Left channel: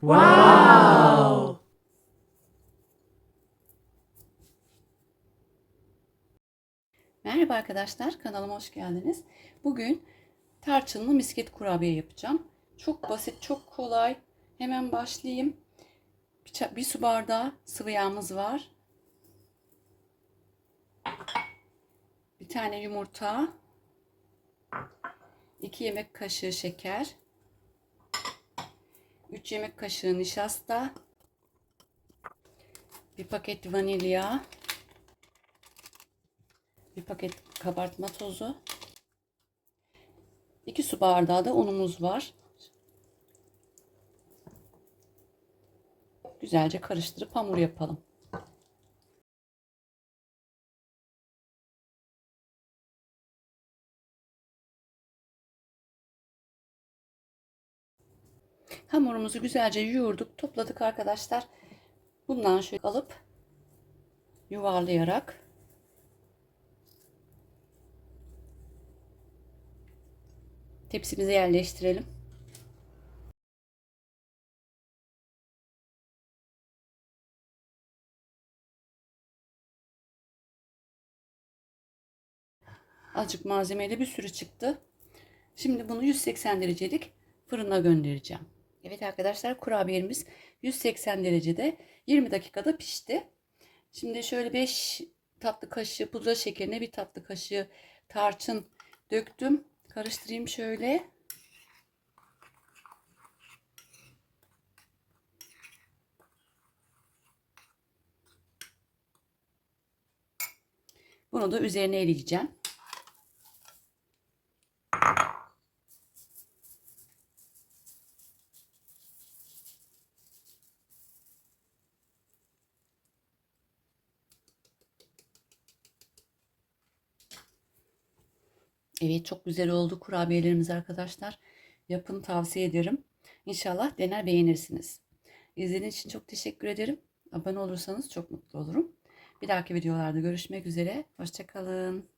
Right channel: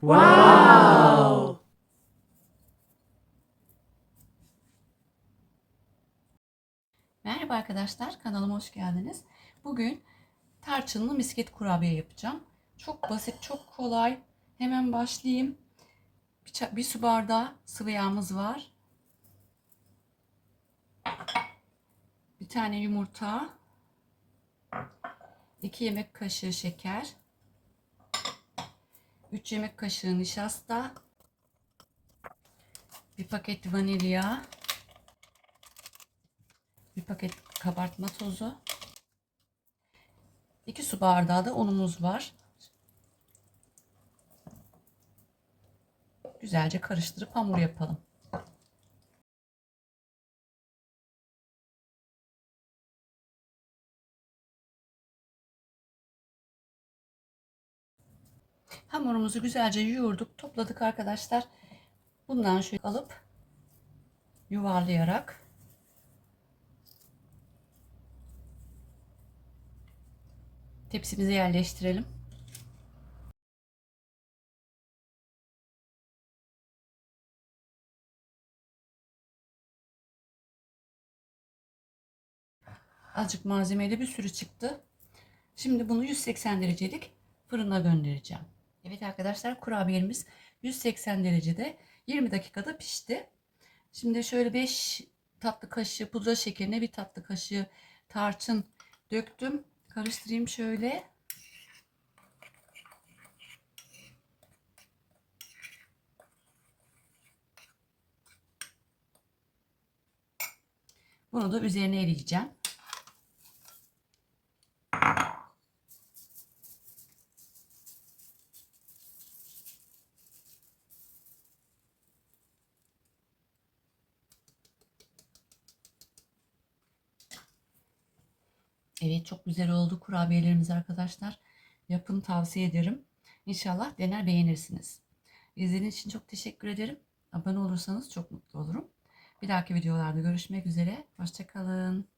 Wow! Merhaba arkadaşlar, kanalıma hoş geldiniz. Bugün tarçınlı misket kurabiye yapacağım. Çok basit, çok kolay. Hemen başlayayım. Bir, bir su bardağı sıvı yağımız var. Bir tane yumurta. 2 yemek kaşığı şeker. 3 yemek kaşığı nişasta. Bir paket vanilya. Bir paket kabartma tozu. 2 su bardağı da unumuz var. Güzelce karıştırıp hamur yapalım. Hamurumuzu güzelce yoğurduk, topladık arkadaşlar. Bundan şöyle alıp yuvarlayarak tepsimize yerleştirelim. Azıcık malzemeyle bir sürü çıktı. Şimdi bunu 180 derecelik fırına göndereceğim. Evet arkadaşlar kurabiyemiz 180 derecede 20 dakikada pişti. Şimdi şöyle 5 tatlı kaşığı pudra şekerine bir tatlı kaşığı tarçın döktüm. Karıştırayım şöyle. Bunu da üzerine eleyeceğim. Evet çok güzel oldu kurabiyelerimiz arkadaşlar. Yapın tavsiye ederim. İnşallah dener beğenirsiniz. İzlediğiniz için çok teşekkür ederim. Abone olursanız çok mutlu olurum. Bir dahaki videolarda görüşmek üzere. Hoşçakalın.